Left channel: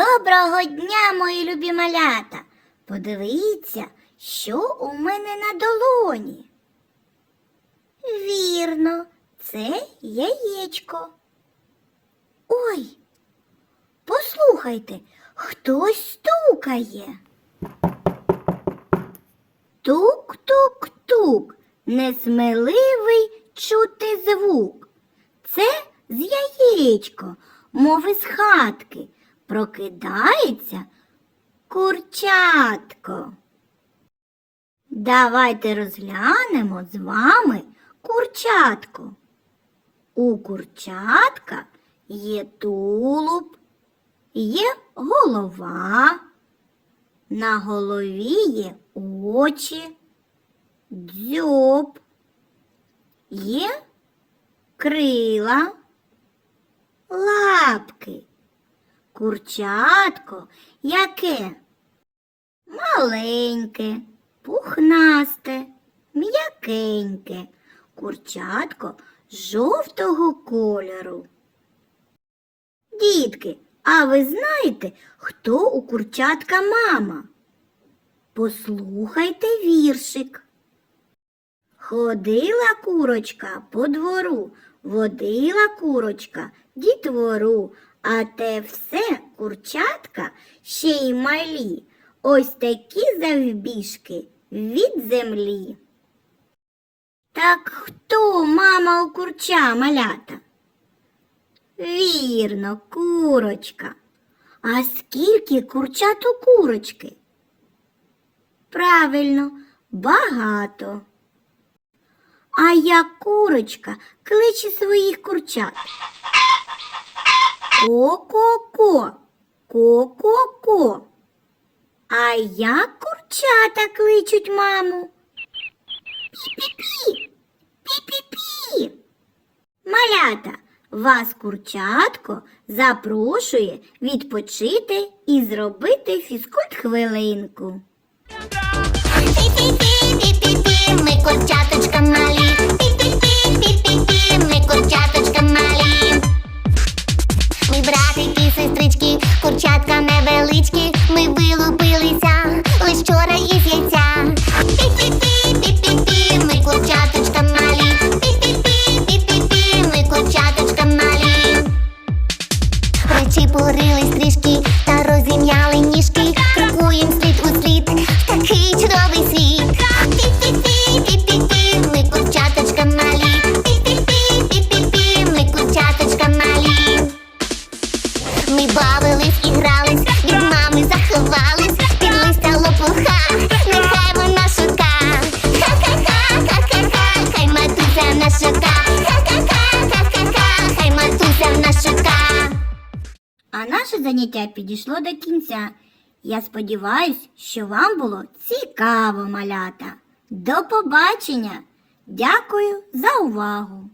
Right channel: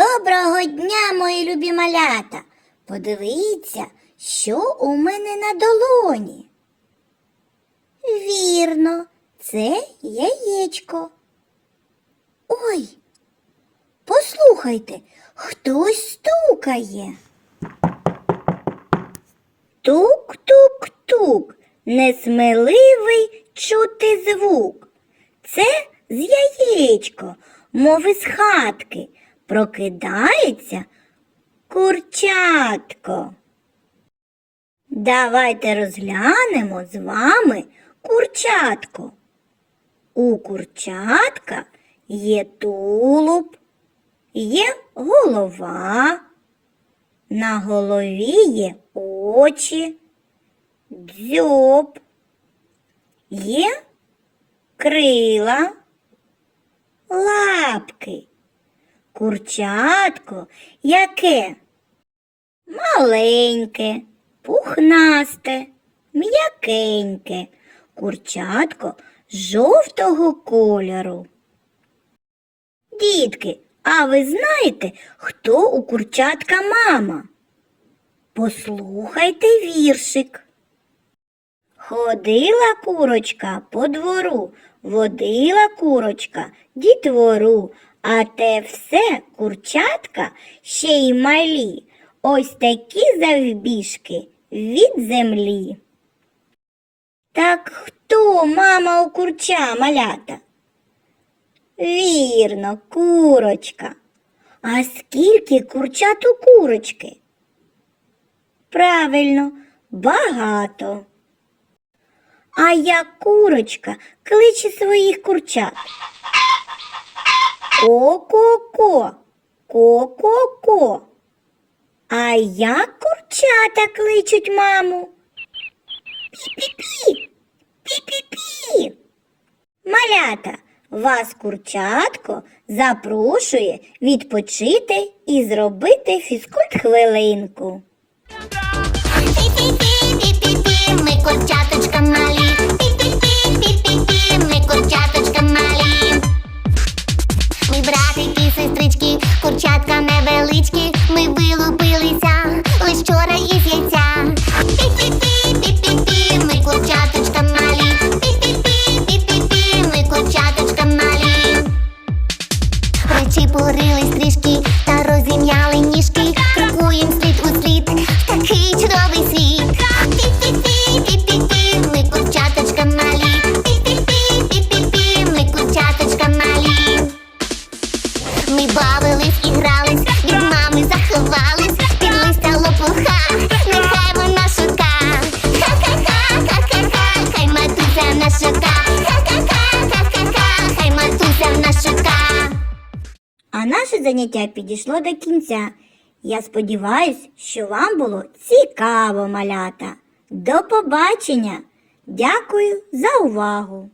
Доброго дня, мої любі малята! Подивіться, що у мене на долоні. Вірно, це яєчко. Ой, послухайте, хтось стукає. Тук-тук-тук, несміливий чути звук. Це з яєчко, мов із хатки, прокидається курчатко. Давайте розглянемо з вами курчатко. У курчатка є тулуб, є голова, на голові є очі, дзьоб, є крила, лапки. Курчатко яке? Маленьке, пухнасте, м'якеньке. Курчатко жовтого кольору. Дітки, а ви знаєте, хто у курчатка мама? Послухайте віршик. Ходила курочка по двору, водила курочка дітвору, а те все курчатка ще й малі, ось такі завбіжки від землі. Так хто мама у курча малята? Вірно, курочка. А скільки курчат у курочки? Правильно, багато. А як курочка кличе своїх курчат. Ко-ко-ко, ко-ко-ко. А як курчата кличуть маму? Пі-пі-пі, пі-пі-пі. Малята, вас курчатко запрошує відпочити і зробити фізкульт хвилинку. Братики, сестрички, курчатка невеличкі. Ми вилупилися лиш вчора із яйця. А наше заняття підійшло до кінця. Я сподіваюся, що вам було цікаво, малята. До побачення! Дякую за увагу!